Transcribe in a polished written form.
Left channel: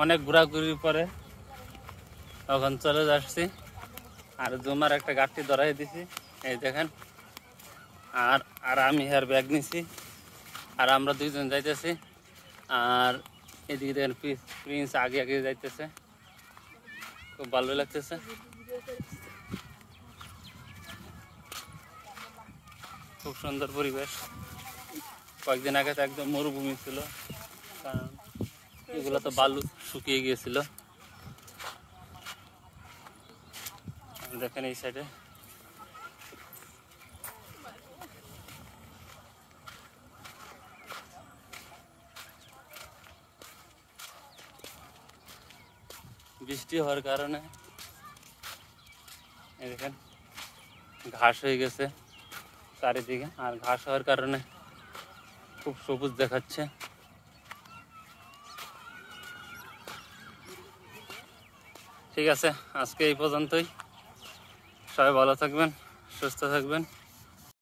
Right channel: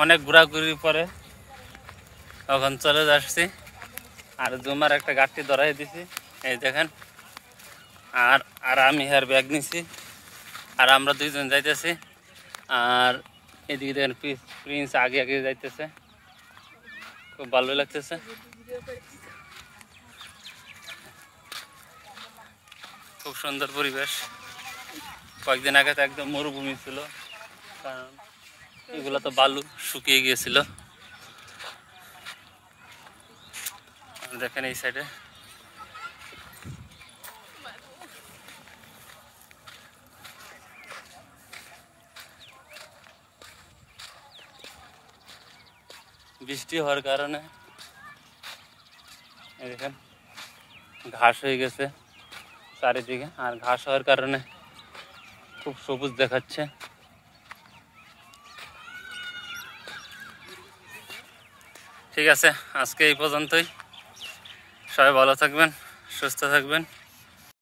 অনেক ঘোরাঘুরির পরে এখন চলে যাচ্ছি। আর জুমার একটা গাড়ি ধরাই দিছি, এই দেখেন। আর আর আমি আর ব্যাগ নিছি, আর আমরা দুইজন যাইতেছি। আর এদিকে দেখেন প্রিন্স আগে আগে যাইতেছে, খুব ভালো লাগতেছে। খুব সুন্দর পরিবেশ। কয়েকদিন আগে তো একদম মরুভূমি ছিল, কারণ এগুলো তো বালু শুকিয়ে গিয়েছিল। দেখেন এই সাইডে বৃষ্টি হওয়ার কারণে দেখেন ঘাস হয়ে গেছে চারিদিকে, আর ঘাস হওয়ার কারণে খুব সবুজ দেখাচ্ছে। ঠিক আছে, আজকে এই পর্যন্তই। সবাই ভালো থাকবেন, সুস্থ থাকবেন।